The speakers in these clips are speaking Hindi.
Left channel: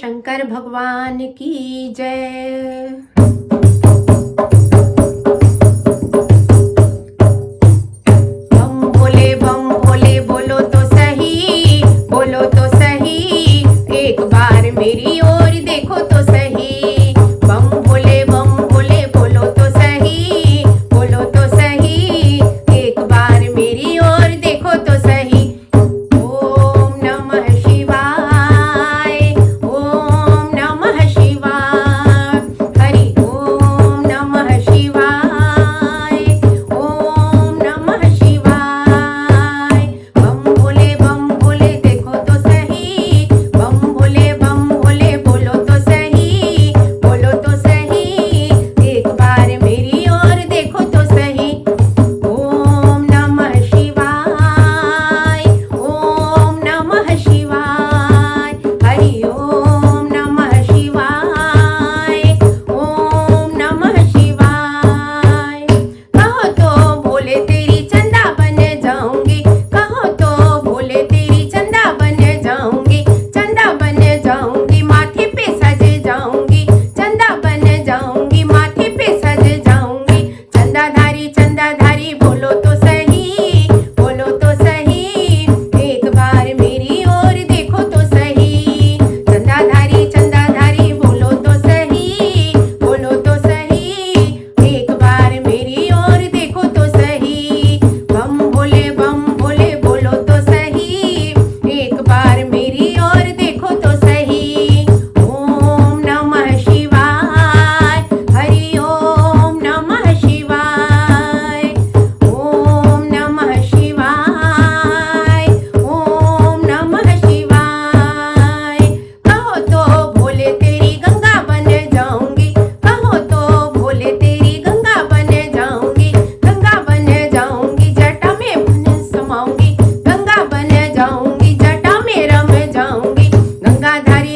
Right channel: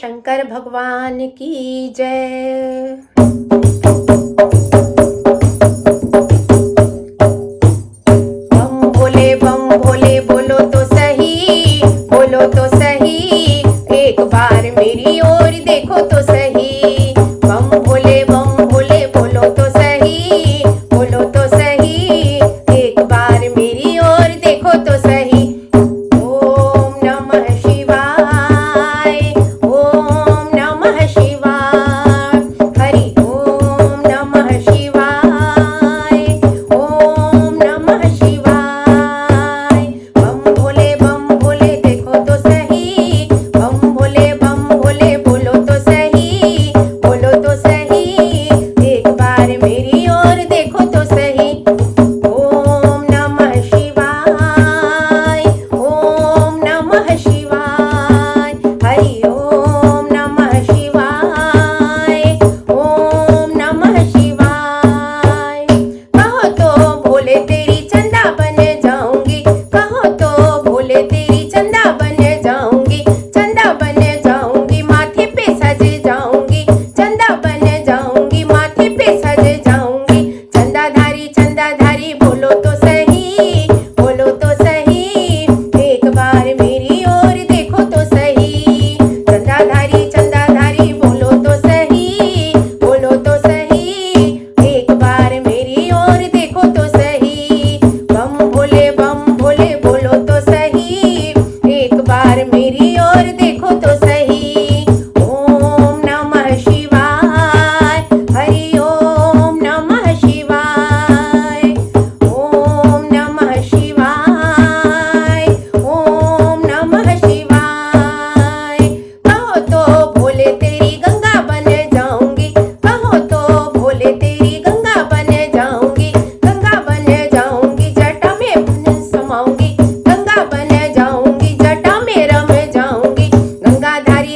शंकर भगवान की जय। बम भोले बोलो तो सही, बोलो तो सही, एक बार मेरी ओर देखो तो सही। बम भोले बोलो तो सही, बोलो तो सही, एक बार मेरी ओर देखो तो सही। ओम नमः शिवाय, ओम नमः शिवाय, हरि ओम नमः शिवाय, ओम नमः शिवाय। बम भोले देखो तो सही, बम भोले बोलो तो सही, बोलो तो सही, एक बार मेरी ओर देखो तो सही। ओम नमः शिवाय, ओम नमः शिवाय, हरि ओम नमः शिवाय, ओम नमः शिवाय। कहो तो भोले तेरी चंदा बन जाऊंगी, कहो तो भोले तेरी चंदा बन जाऊंगी, चंदा बन जाऊंगी, माथे पे सज जाऊंगी, चंदा बन जाऊंगी, माथे पे सज जाऊंगी। चंदाधारी बोलो तो सही, बोलो तो सही, एक बार मेरी ओर देखो तो सही। चंदाधारी बोलो तो सही, बोलो तो सही, एक बार मेरी ओर देखो तो सही। बम भोले बोलो तो सही, एक बार मेरी ओर देखो तो सही। ओम नमः शिवाय, हरि ओम नमः शिवाय, ओम नमः शिवाय, ओम नमः शिवाय। कहो तो भोले तेरी गंगा बन जाऊंगी, कहो तो भोले तेरी गंगा बन जाऊंगी, गंगा बन जाऊंगी, जटा में बन समाऊंगी, गंगा बन जाऊंगी, जटा में रम जाऊंगी।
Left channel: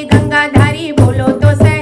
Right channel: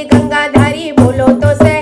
गंगाधारी बोलो तो सही।